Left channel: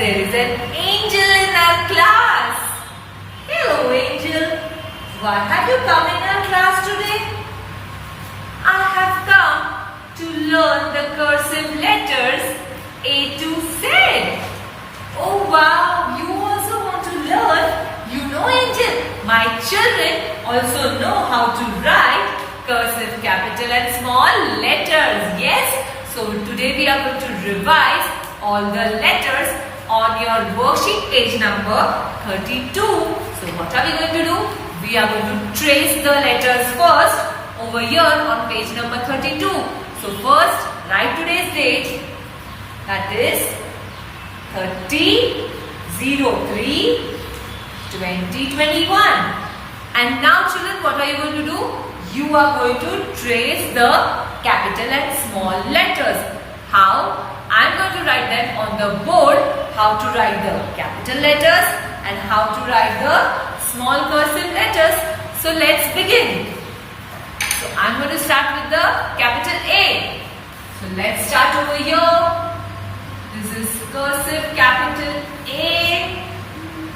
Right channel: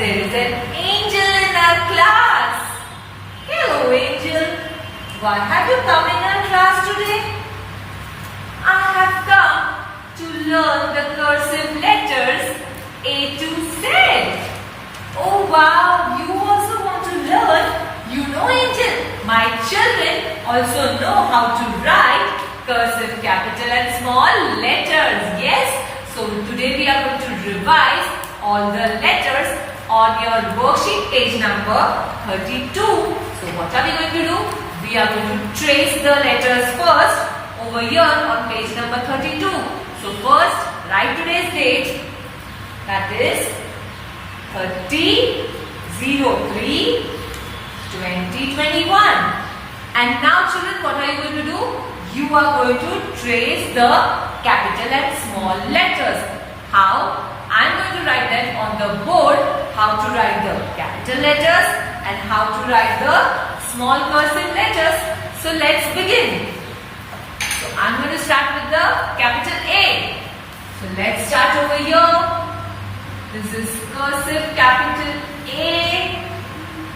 there is an angel in our class. Hello, angel. Why have you come in our class today? I have come to learn the cursive letters A to Z. Oh wow, you also want to learn? You know, angel, my children also know how to write cursive capital and small letters. Yes? So today we are going to revise all the letters on your worksheet page number 32. So what are we going to do? We are going to trace the letters first over here on page number 32. So first write today's date, that is 30/03/2021. And now children, what are you going to do? You are going to trace the capital and small letters. How? I am going to write them on the board, how to write the capital letters and how to write the small cursive letters. So let's begin. So I am going to start with the capital A. So let's start over here. This is cursive capital A.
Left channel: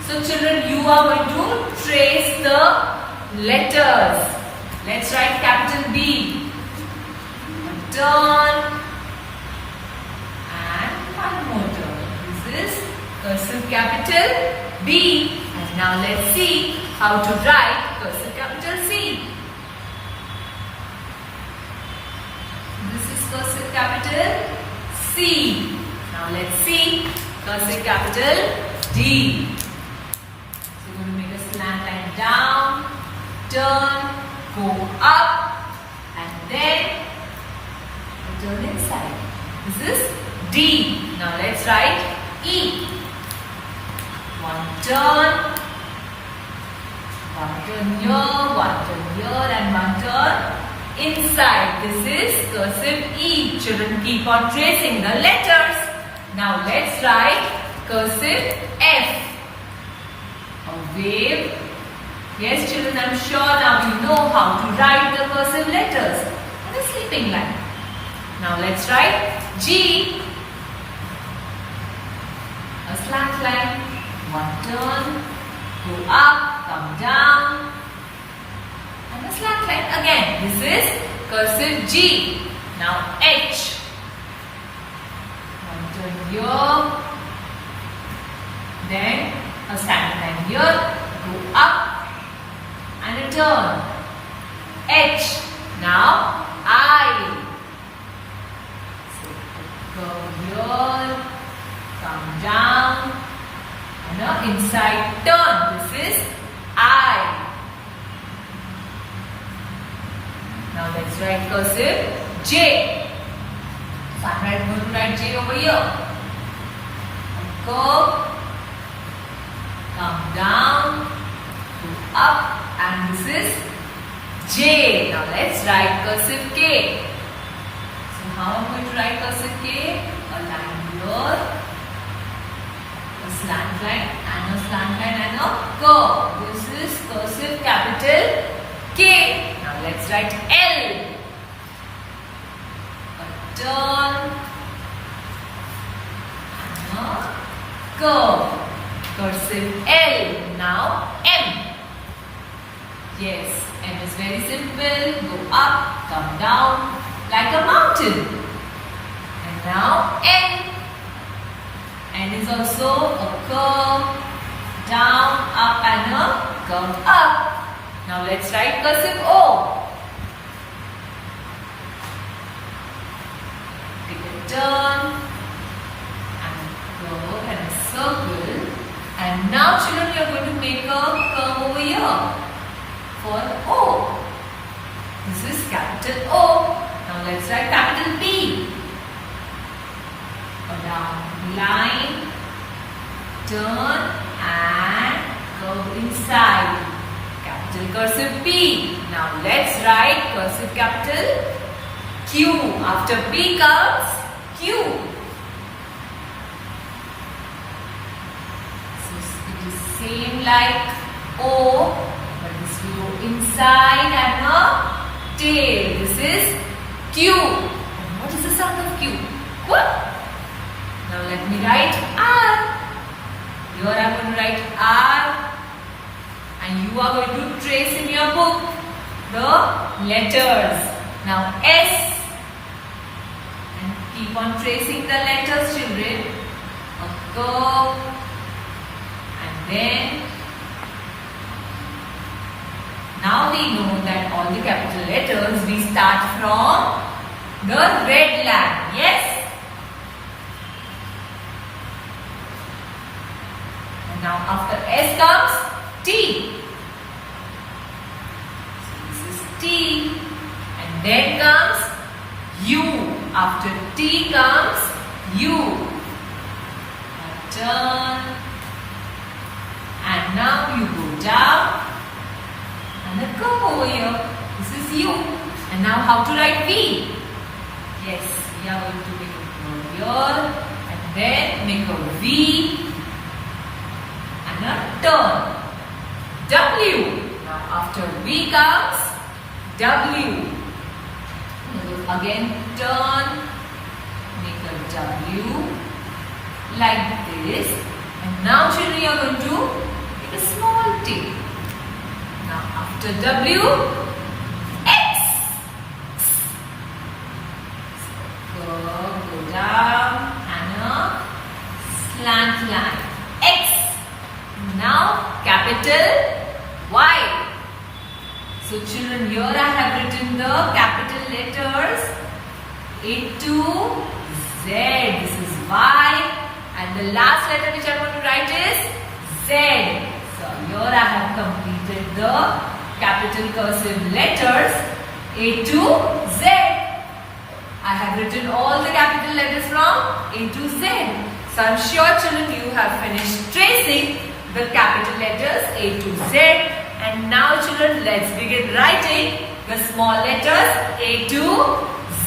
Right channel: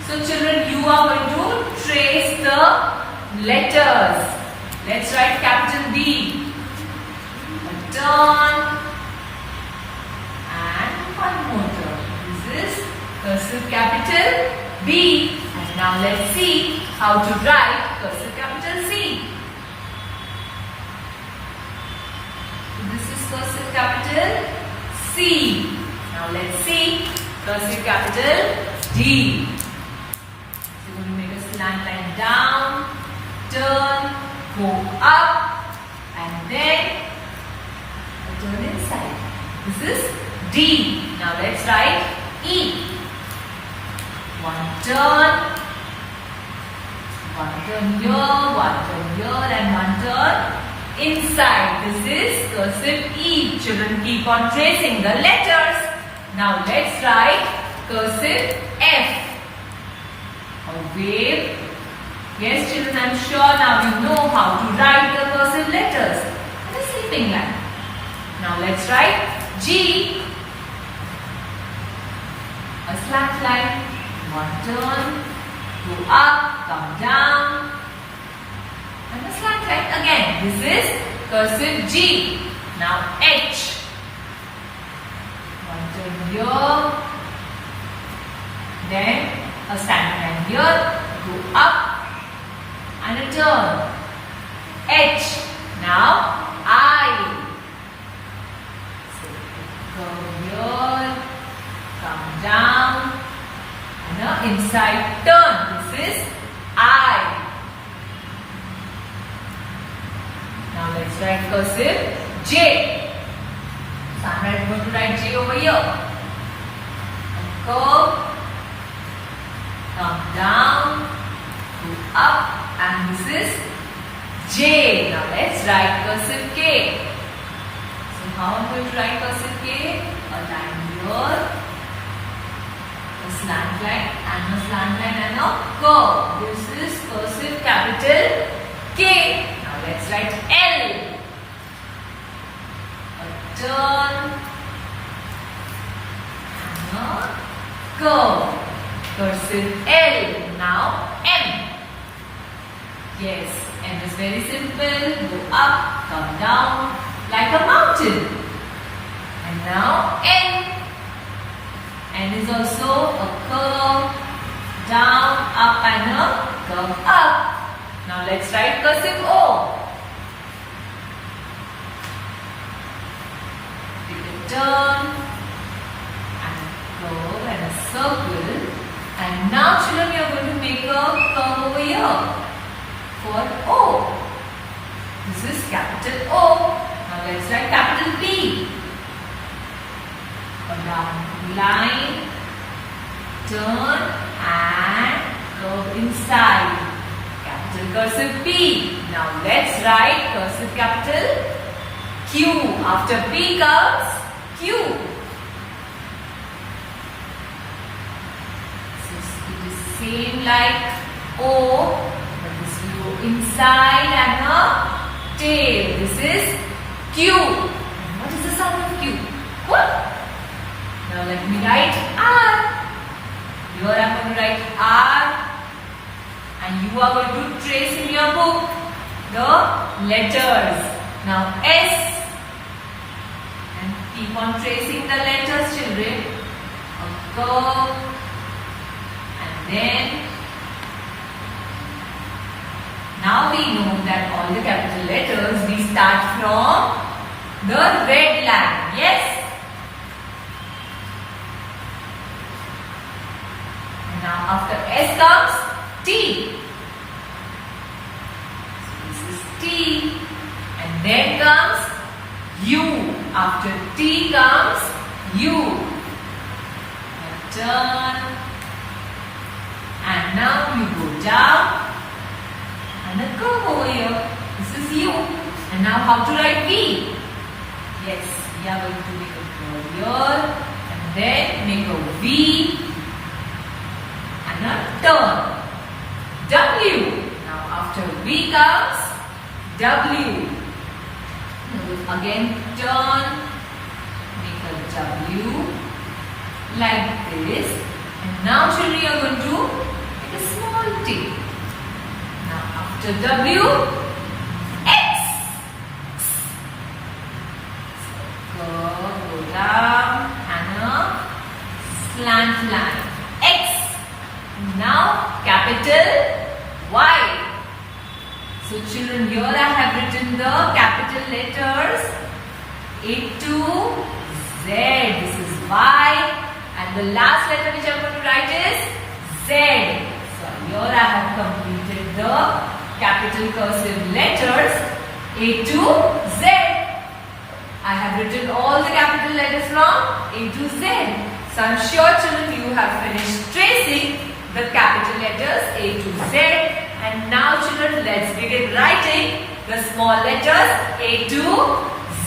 So children, you are going to trace the letters. Let's write capital B. A turn and one more turn. This is cursive capital B. And now let's see how to write cursive capital C. This is cursive capital C. Now let's see cursive capital D. So we're going to make a slant line down, turn, go up, and then turn inside. This is D. Now let's write E. One turn here, and one turn inside. This is cursive E. Children, keep on tracing the letters. Now let's write cursive F. A wave. Yes, children, I'm sure now you know how to write the cursive letters. The sleeping line. Now let's write G. A slant line. One turn. Go up, come down. And a slant line again. This is cursive G. Now H. One turn here. Then a slant line here. Go up. And a turn. H. Now I. So come here, come down, and an inside turn. This is I. Now let's write cursive J. So I'm going to write J over here. Curve, come down, go up. And this is J. Now let's write cursive K. So how am I going to write cursive K? A line here, a slant line, and a slant line, and a curve. This is cursive capital K. Now let's write L. A turn, and a curve. Cursive L. Now M. Yes, and it's very simple. Go up, come down, like a mountain. And now N. N is also a curve, down, up, and a curve up. Now let's write cursive O. Take a turn, and curve, and a circle. And now children, you are going to make a curve over here. For O. This is capital O. Now let's write capital P. A round line, turn and curve inside. Capital cursive P. Now let's write cursive capital Q. After P comes Q. So it is same like O. Inside and a tail. This is Q. And what is the sound of Q? What? Now let me write R. Here I am going to write R, and you are going to trace in your book the letters. Now S, and keep on tracing the letters, children. A curve, and then now we know that all the capital letters we start from the red line. Yes? And now after S comes T. So this is T. And then comes U. After T comes U. Turn, and now you go down and a curve over here. This is U. And now how to write V? Yes, we are going to make a curve here and then make a V and a turn. W. Now after V comes W. Again turn, make a W. Like this, and now children you are going to make a small T. Now after W, X. So go down and a slant line. X. Now capital Y. So children, here I have written the capital letters A to Z. This is Y. And the last letter which I am going to write is Z. So here I have completed the capital cursive letters A to Z. I have written all the capital letters from A to Z. So I am sure children you have finished tracing the capital letters A to Z. And now children, let's begin writing the small letters A to Z.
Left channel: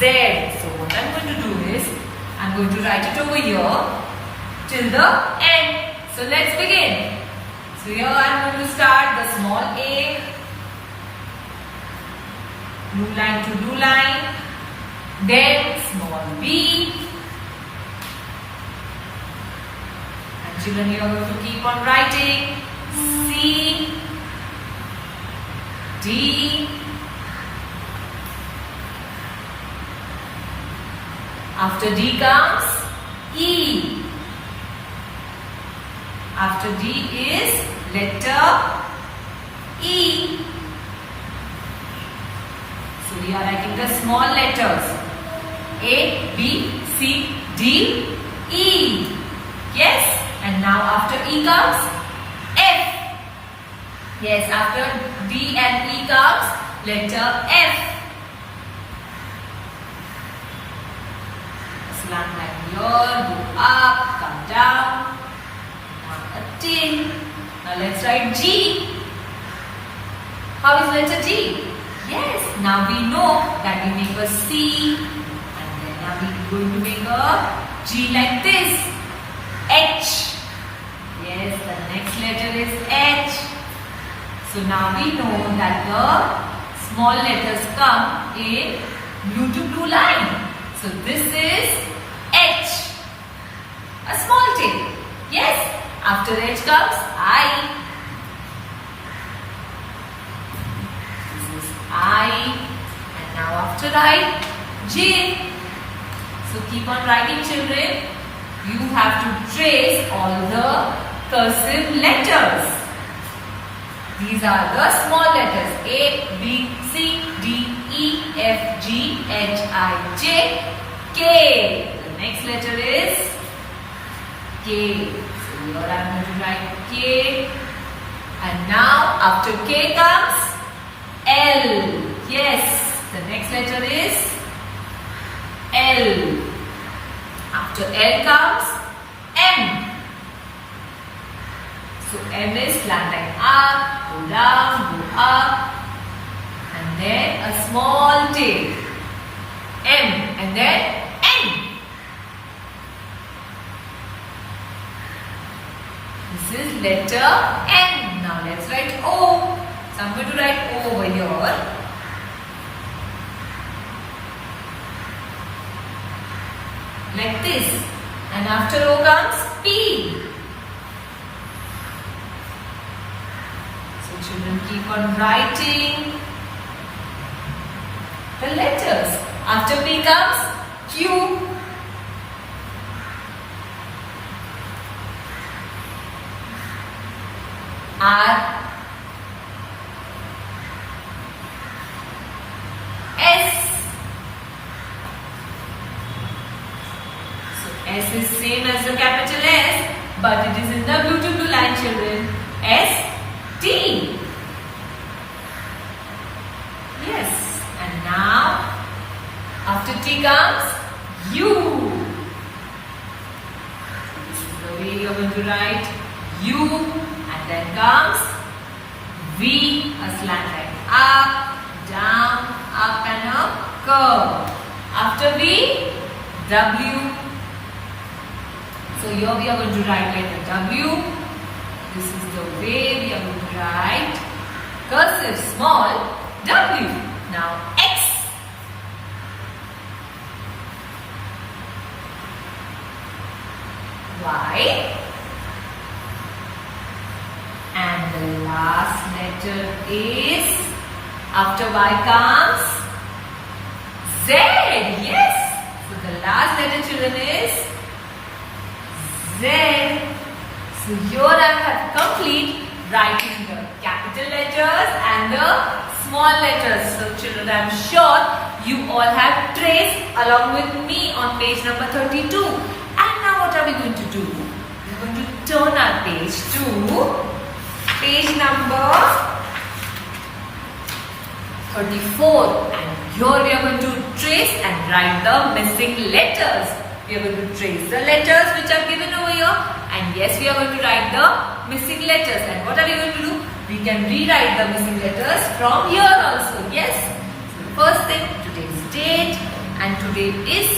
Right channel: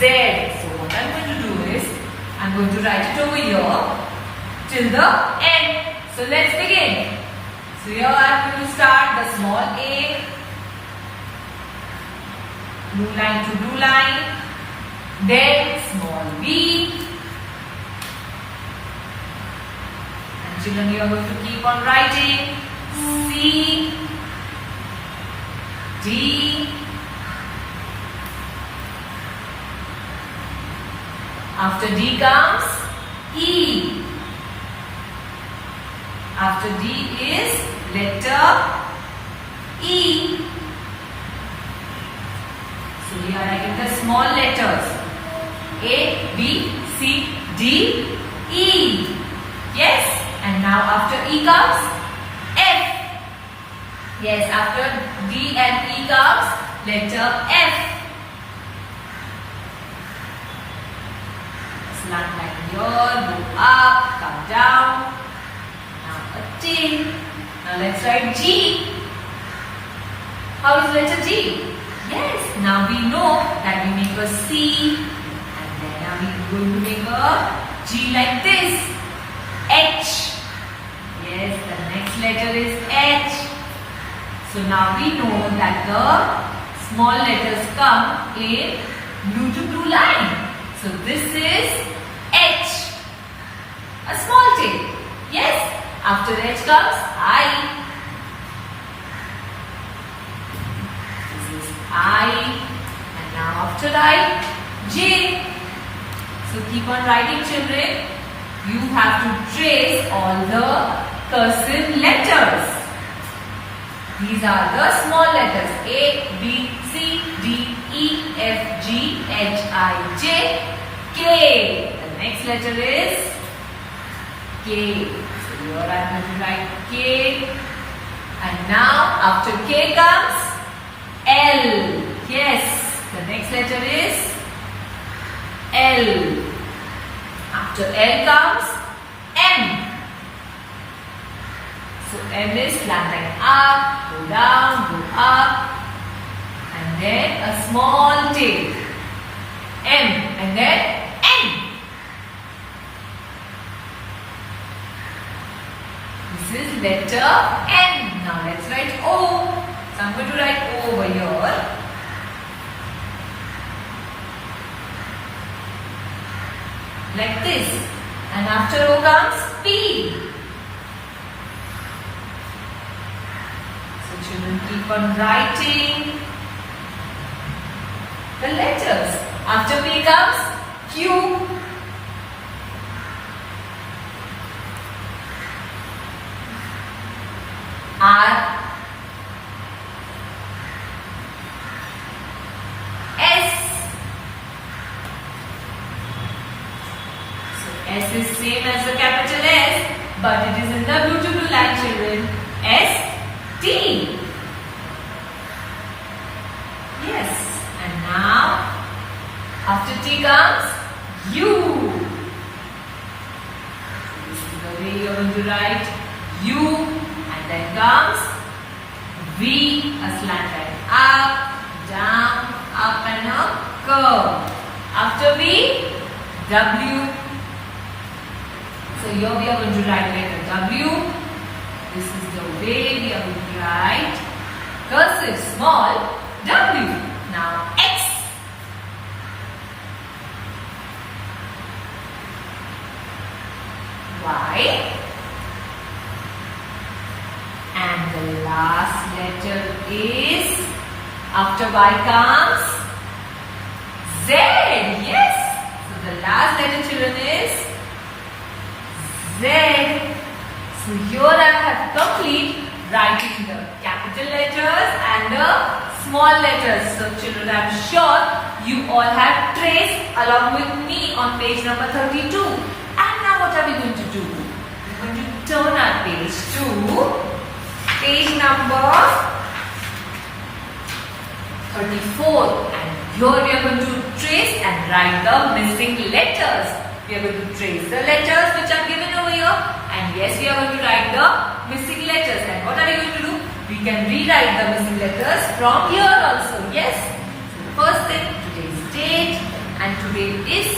So what I am going to do is I am going to write it over here till the end. So let's begin. So here I am going to start the small A, blue line to blue line, then small B, and children you are going to keep on writing C, D, after D comes E. After D is letter E. So we are writing the small letters A, B, C, D, E. Yes? And now after E comes F. Yes, after D and E comes letter F. Slant line here, go up, come down. T. Now let's write G. How is letter G? Yes, now we know that we make a C and then now we are going to make a G like this. H. Yes, the next letter is H. So now we know that the small letters come in blue to blue line. So this is H. A small T. Yes. After H comes I. This is I. And now after I, J. So keep on writing children. You have to trace all the cursive letters. These are the small letters A, B, C, D, E, F, G, H, I, J, K. The next letter is K. Here I am going to write K, and now after K comes L. Yes, the next letter is L. After L comes M. So M is slant line up, go down, go up, and then a small tail. M, and then N. This is letter N. Now let's write O. So I'm going to write O over here. Like this. And after O comes P. children keep on writing the letters. After P comes Q. R. S. So S is same as the capital S, but it is in the blue to blue line, children. S. T. Yes. And now, after T comes U. This is the way you are going to write U. And then comes V, a slant line up, down, up and a curve. After V, W. So here we are going to write letter W. This is the way we are going to write cursive small W. Now X. Y. And the last letter is, after Y comes Z. Yes. So the last letter, children, is Z. So here I have complete writing the capital letters and the small letters. So children, I am sure you all have traced along with me on page number 32. And now what are we going to do? We are going to turn our page to page number 34, and here we are going to trace and write the missing letters. We are going to trace the letters which are given over here, and yes, we are going to write the missing letters. And what are we going to do? We can rewrite the missing letters from here also. Yes. So the first thing, today's date, and today is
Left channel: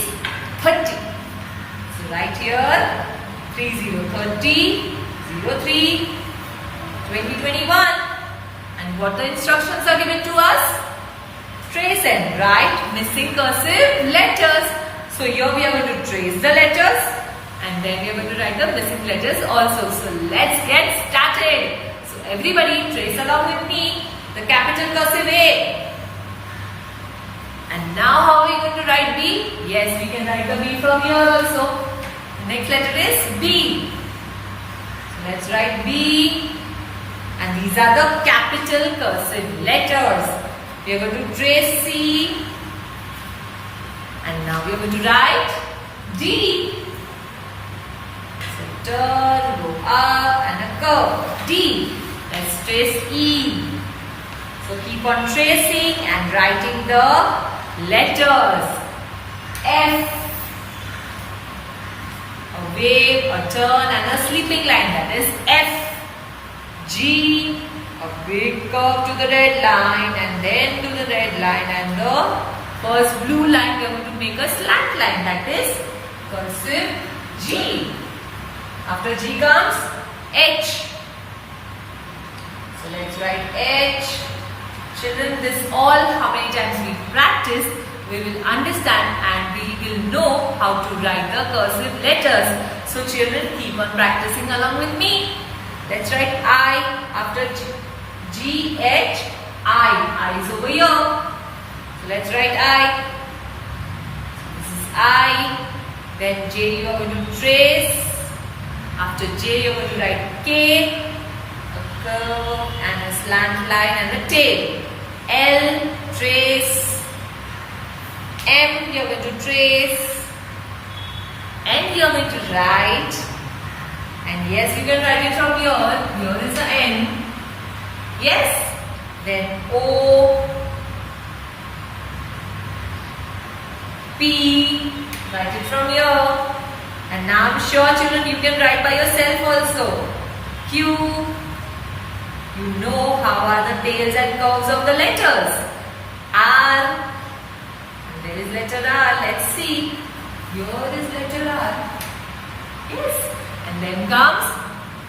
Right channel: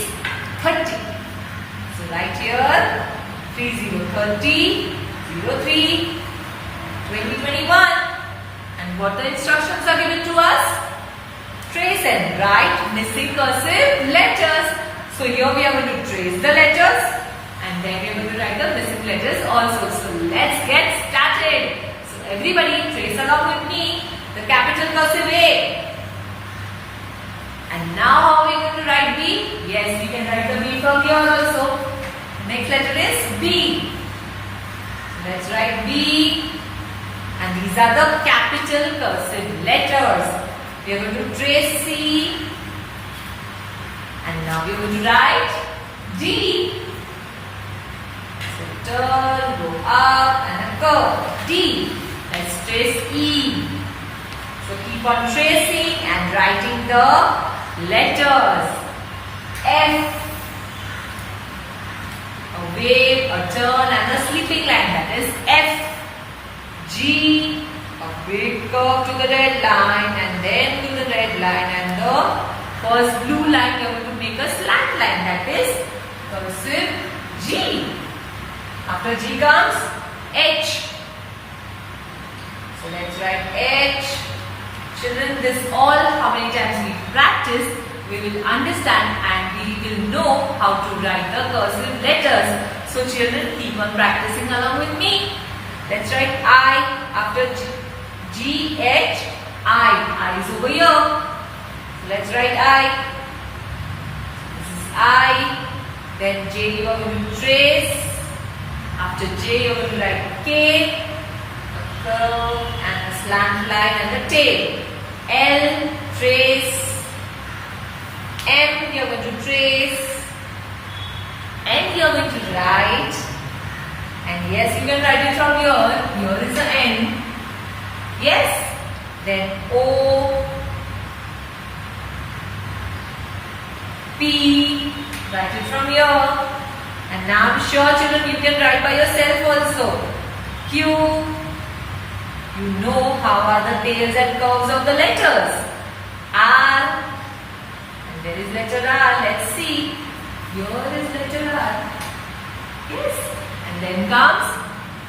30. So write here 3030 03 2021, and what the instructions are given to us? Trace and write missing cursive letters. So here we are going to trace the letters, and then we are going to write the missing letters also. So let's get started. So everybody trace along with me the capital cursive A. And now how are we going to write B? Yes, we can write the B from here also. The next letter is B. So let's write B. And these are the capital cursive letters. We are going to trace C. And now we are going to write D. So turn, go up and a curve. D. Let's trace E. So keep on tracing and writing the letters. F. A wave, a turn and a sleeping line. That is F. G, a big curve to the red line and then to the red line, and the first blue line we are going to make a slant line, that is cursive G. After G comes H. So let's write H. Children, this all how many times we practice, we will understand and we will know how to write the cursive letters. So children, keep on practicing along with me. Let's write I. After G, H, I. I is over here. So let's write I. This is I. Then J you are going to trace. After J you are going to write K, a curve and a slant line and a tail. L, trace. M you are going to trace. N you are going to write. And yes, you can write it from here. Here is the N. Yes. Then O, P. Write it from here. And now I'm sure children you can write by yourself also. Q. You know how are the tails and curves of the letters. R. And there is letter R. Let's see. Here is letter R. Yes. And then comes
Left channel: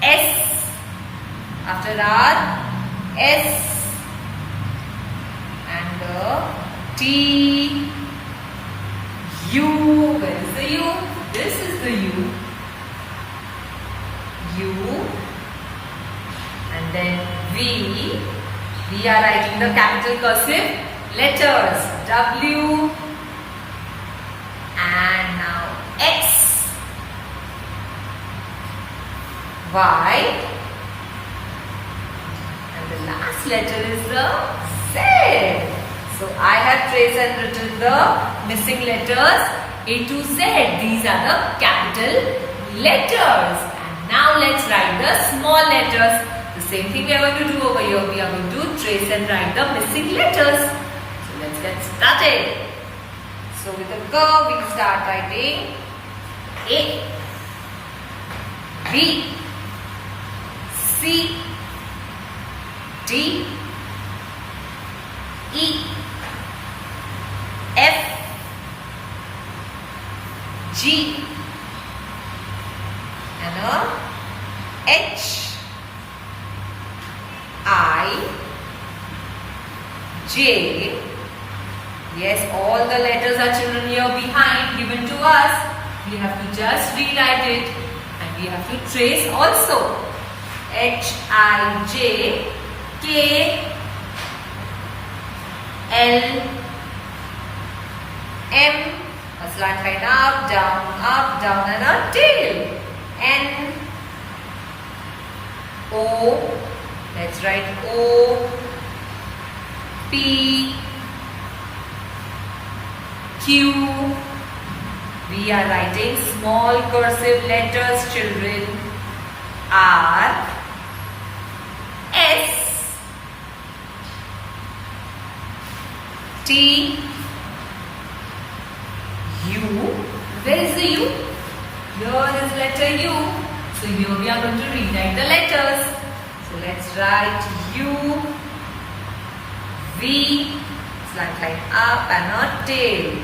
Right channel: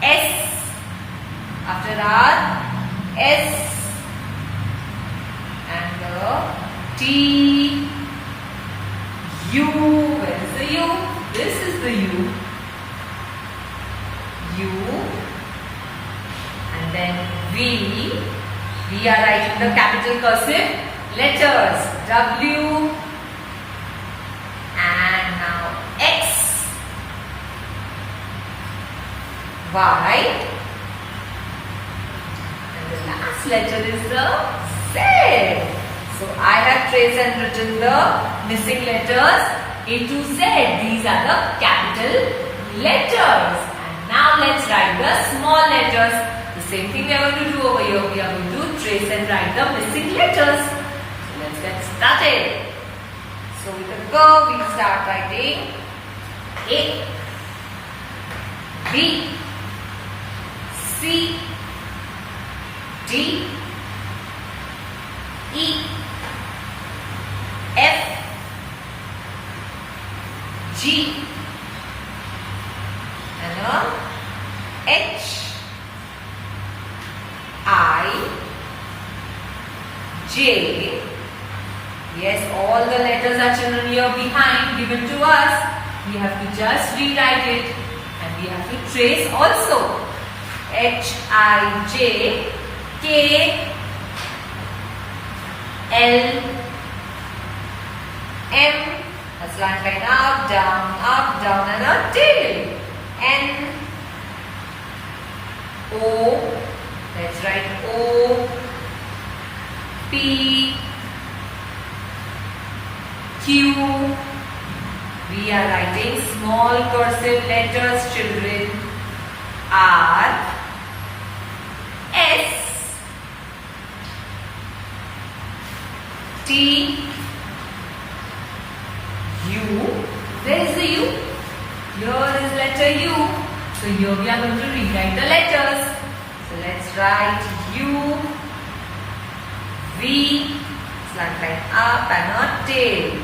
S. After R, S. And the T, U. Where is the U? This is the U. U. And then V. We are writing the capital cursive letters. W and now X, Y, and the last letter is the Z. So I have traced and written the missing letters A to Z. These are the capital letters. And now let's write the small letters. The same thing we are going to do over here. We are going to trace and write the missing letters. So let's get started. So with a curve we start writing A, B, C, D, E, F, G, and H, I, J. Yes, all the letters are children here behind given to us. We have to just rewrite it and we have to trace also. H, I, J, K, L, M, a slant line up, down and a tail. N, O, let's write O, P, Q. We are writing small cursive letters, children. R, S, T, U. Where is the U? Here is letter U. So here we are going to rewrite the letters. So let's write U, V, slant line up and a tail.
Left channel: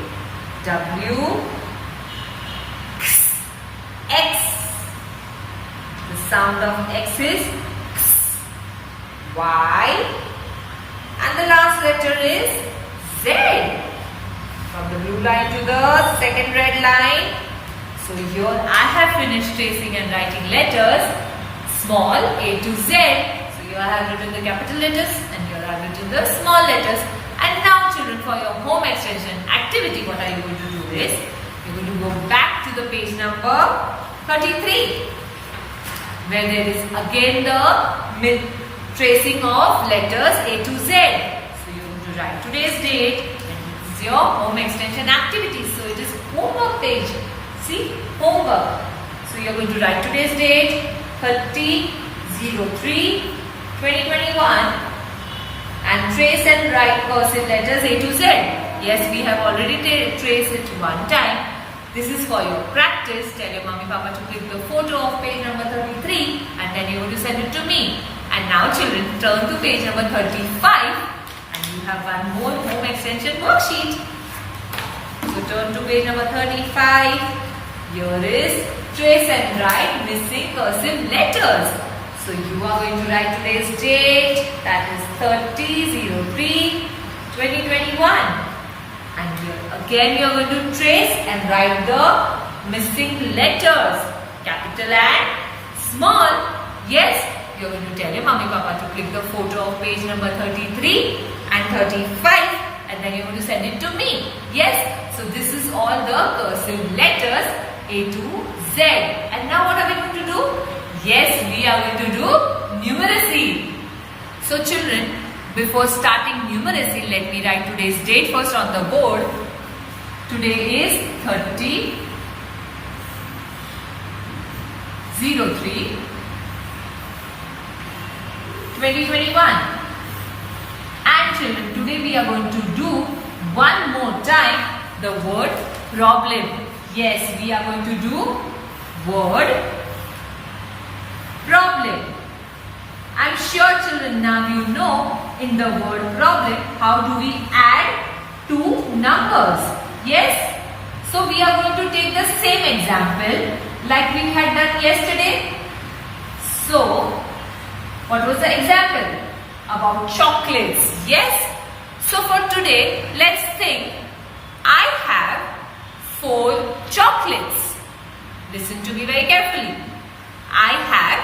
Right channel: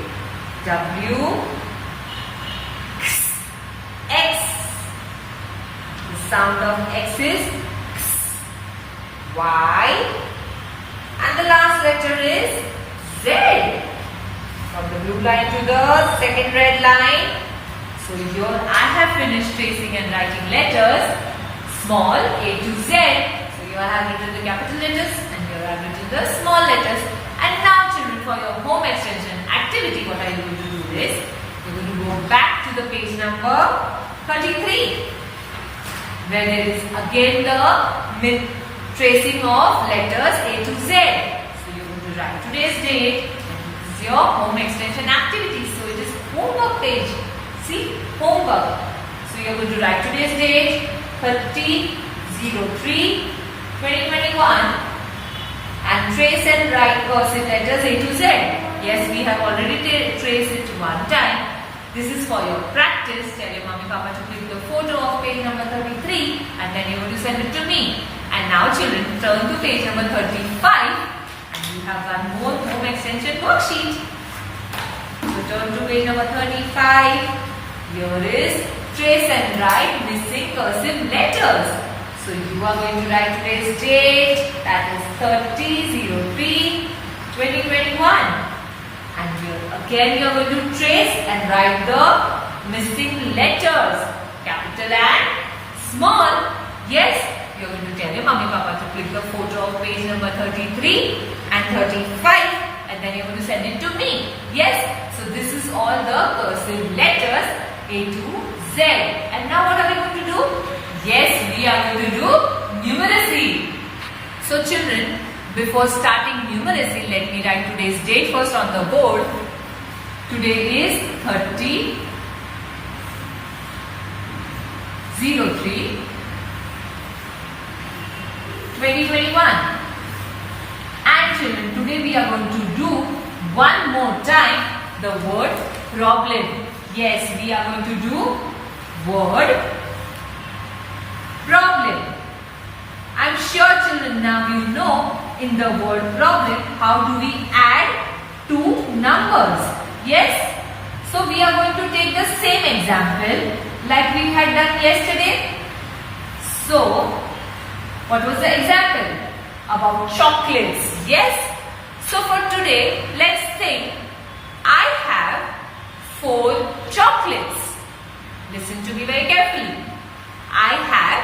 W, X. The sound of X is X. Y. And the last letter is Z. From the blue line to the second red line. So here I have finished tracing and writing letters small A to Z. So here I have written the capital letters and here I have written the small letters. And now children, for your home extension activity, what are you going to do is, you're going to go back to the page number 33 where there is again the tracing of letters A to Z. So you're going to write today's date and this is your home extension activity. So it is homework page. See, homework. So you're going to write today's date 30/03/2021 and trace and write cursive letters A to Z. Yes, we have already traced it one time. This is for your practice. Tell your mommy papa to click the photo of page number 33 and then you're going to send it to me. And now children, turn to page number 35 and you have one more home extension worksheet. So turn to page number 35. Here is trace and write missing cursive letters. So you are going to write today's date, that is 30/03/2021. And here again you are going to trace and write the missing letters, capital and small. Yes, you are going to tell your mommy papa to click the photo of page number 33 and 35 and then you are going to send it to me. Yes, so this is all the cursive letters A to Z. And now what are we going to do? Yes, we are going to do numeracy. So children, before starting numeracy, let me write today's date first on the board. Today is 30/03/2021. And children, today we are going to do one more time the word problem. Yes, we are going to do word problem. I'm sure children now you know in the word problem how do we add two numbers. Yes? So we are going to take the same example like we had done yesterday. So what was the example? About chocolates. Yes? So for today let's think I have 4 chocolates. Listen to me very carefully. I have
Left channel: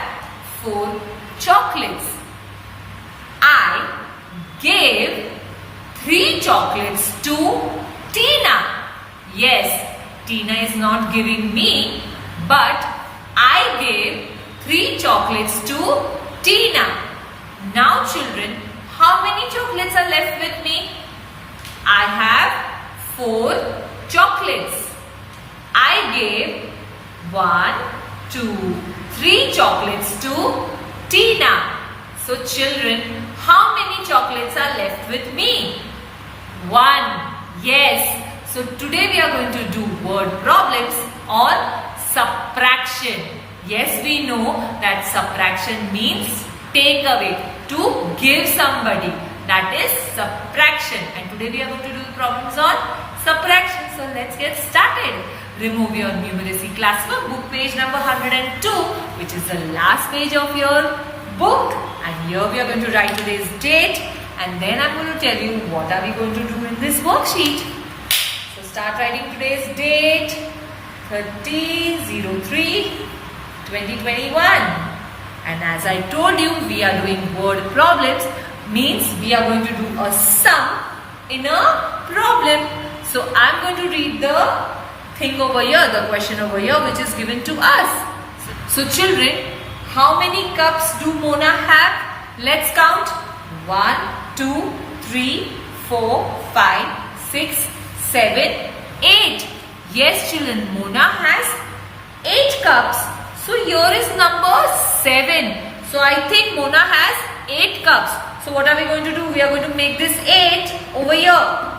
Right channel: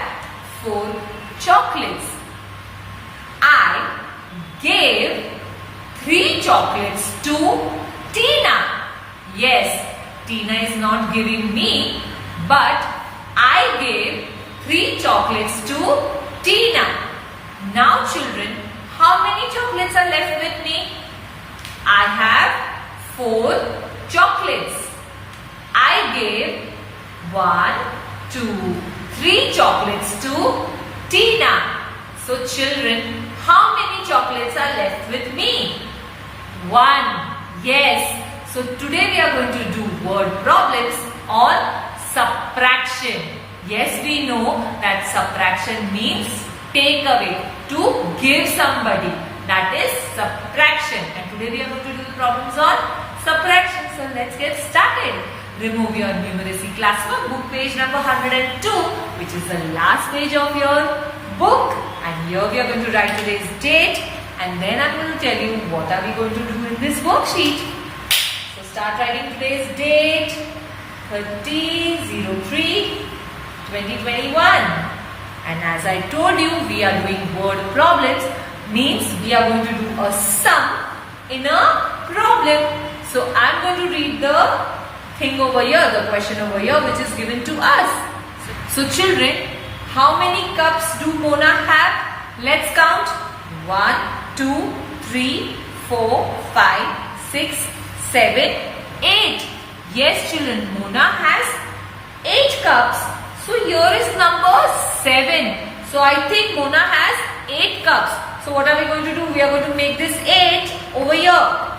4 chocolates. I gave 3 chocolates to Tina. Yes, Tina is not giving me, but I gave 3 chocolates to Tina. Now children, how many chocolates are left with me? I have 4 chocolates. I gave 1, 2, 3 chocolates to Tina. So children, how many chocolates are left with me? 1. Yes. So today we are going to do word problems on subtraction. Yes, we know that subtraction means take away, to give somebody. That is subtraction. And today we are going to do problems on subtraction. So let's get started. Remove your numeracy classwork, book page number 102, which is the last page of your book. And here we are going to write today's date. And then I'm going to tell you what are we going to do in this worksheet. So start writing today's date, 30/03/2021. And as I told you, we are doing word problems. Means we are going to do a sum in a problem. So I'm going to read the thing over here, the question over here, which is given to us. So children, how many cups do Mona have? Let's count. 1, 2, 3, 4, 5, 6, 7, 8. Yes children, Mona has 8 cups. So here is number 7. So I think Mona has 8 cups. So what are we going to do? We are going to make this 8 over here.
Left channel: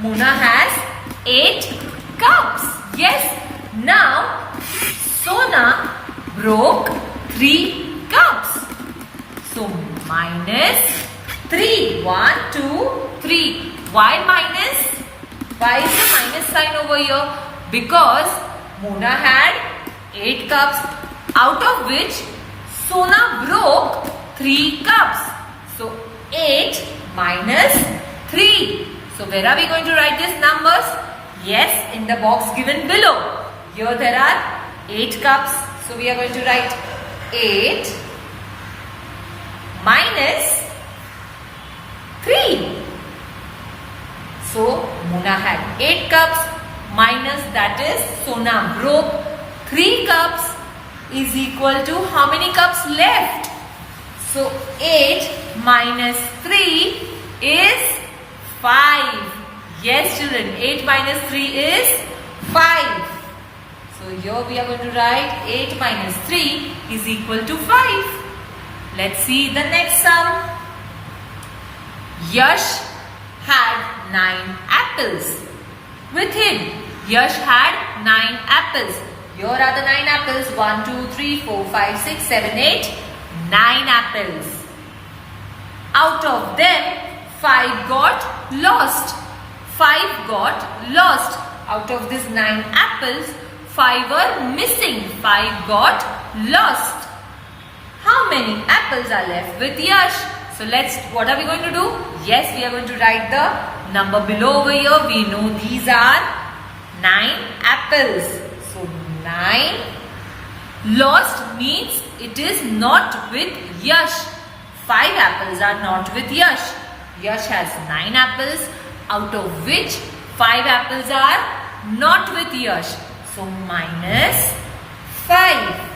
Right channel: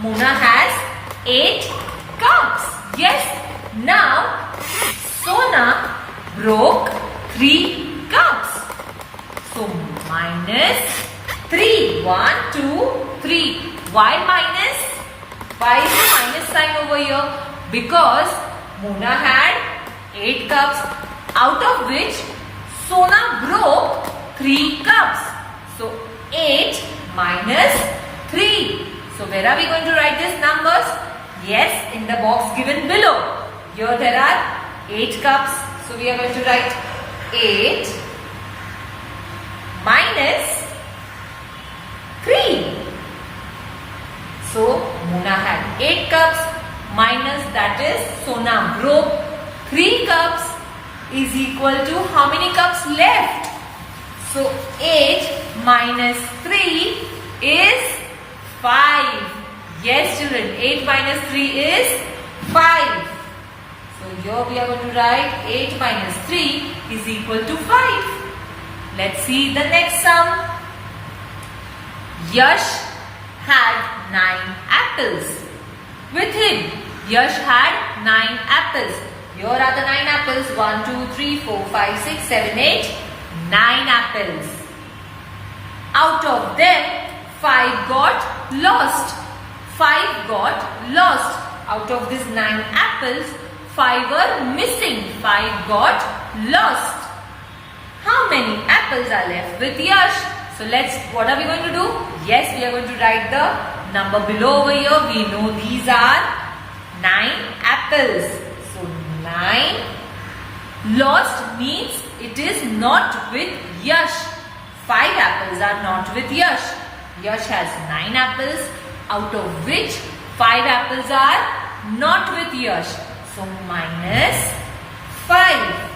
Mona has 8 cups. Yes. Now, Sona broke 3 cups. So minus 3. 1, 2, 3. Why minus? Why is the minus sign over here? Because Mona had 8 cups, out of which Sona broke 3 cups. So 8 minus 3. So where are we going to write these numbers? Yes, in the box given below. Here there are 8 cups. So we are going to write 8 minus 3. So Mona had 8 cups minus, that is, Sona broke 3 cups, is equal to how many cups left? So 8 minus 3 is 5. Yes children, 8 minus 3 is 5. So here we are going to write 8 minus 3 is equal to 5. Let's see the next sum. Yash had 9 apples. With him, Yash had 9 apples. Here are the 9 apples. 1, 2, 3, 4, 5, 6, 7, 8. 9 apples. Out of them, 5 got lost. 5 got lost. Out of these 9 apples, 5 were missing. 5 got lost. How many apples are left with Yash? So what are we going to do? Yes, we are going to write the number below over here. We know these are 9 apples. So 9 lost means it is not with Yash. 5 apples are not with Yash. Yash has 9 apples, out of which 5 apples are not with Yash. So minus 5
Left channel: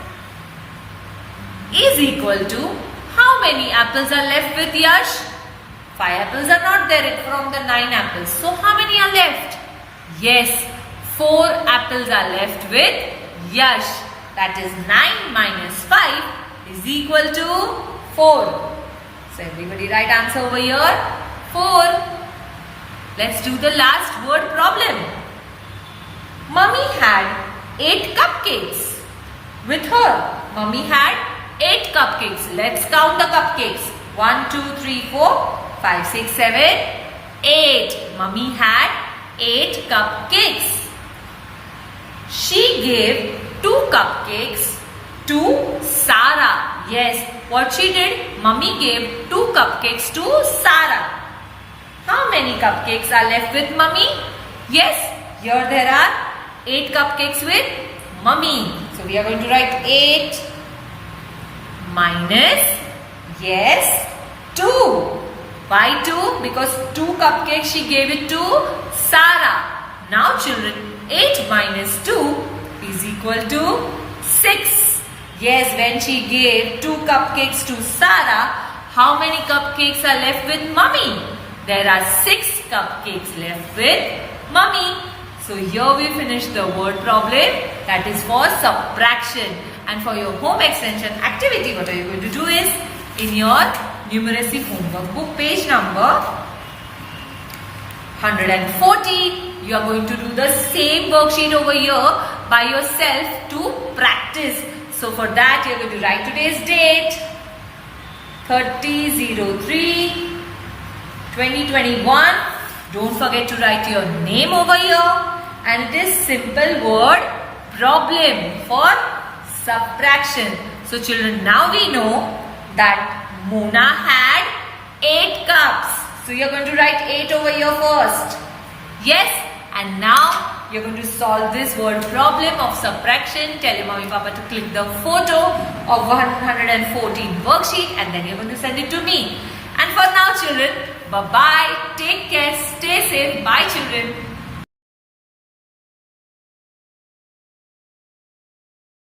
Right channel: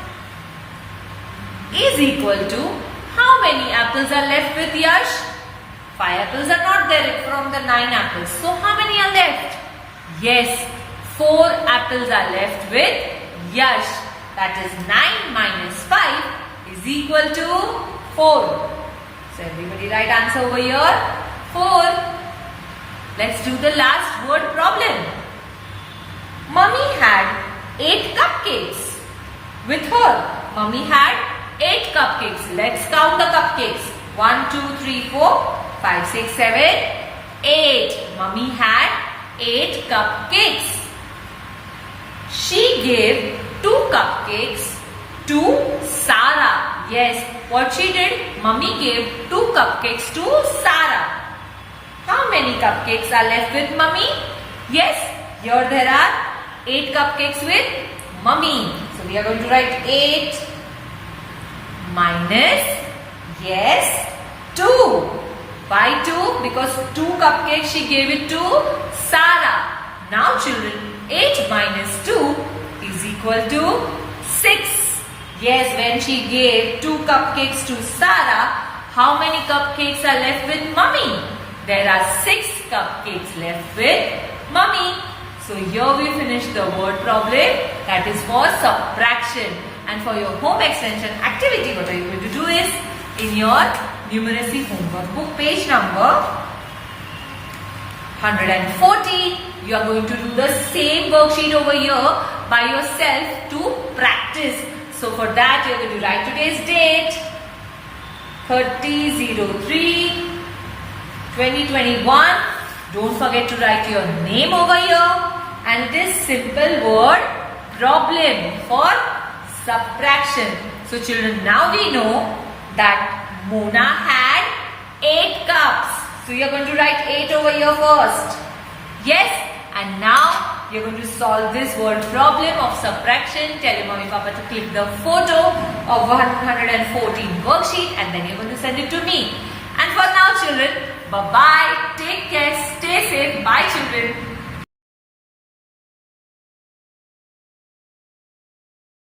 is equal to how many apples are left with Yash? 5 apples are not there from the 9 apples. So how many are left? Yes, 4 apples are left with Yash. That is 9 minus 5 is equal to 4. So everybody write answer over here. 4. Let's do the last word problem. Mummy had 8 cupcakes. With her, Mummy had 8 cupcakes. Let's count the cupcakes. 1, 2, 3, 4, 5, 6, 7, 8. Mummy had 8 cupcakes. She gave 2 cupcakes to Sarah. Yes, what she did? Mummy gave 2 cupcakes to Sarah. How many cupcakes are left with Mummy? Yes, here there are 8 cupcakes with Mummy. So we are going to write 8 minus, yes, 2. Why 2? Because 2 cupcakes she gave it to Sarah. Now children, 8 minus 2 is equal to 6. Yes, when she gave 2 cupcakes to Sarah, how many cupcakes are left with Mummy? There are 6 cupcakes left with Mummy. So here we finish the word problem, that is for subtraction. And for your home extension activity, what are you going to do is, in your numeracy homework book, page number 140, you are going to do the same worksheet over here by yourself to practice. So for that, you are going to write today's date, 30/03/2021. Don't forget to write your name over here. And it is simple word problem for subtraction. So children, now we know that Mona had 8 cups. So you are going to write 8 over here first. Yes, and now you are going to solve this word problem of subtraction. Tell your mommy papa to click the photo of 114 worksheet and then you are going to send it to me. And for now children, bye-bye. Take care. Stay safe. Bye children.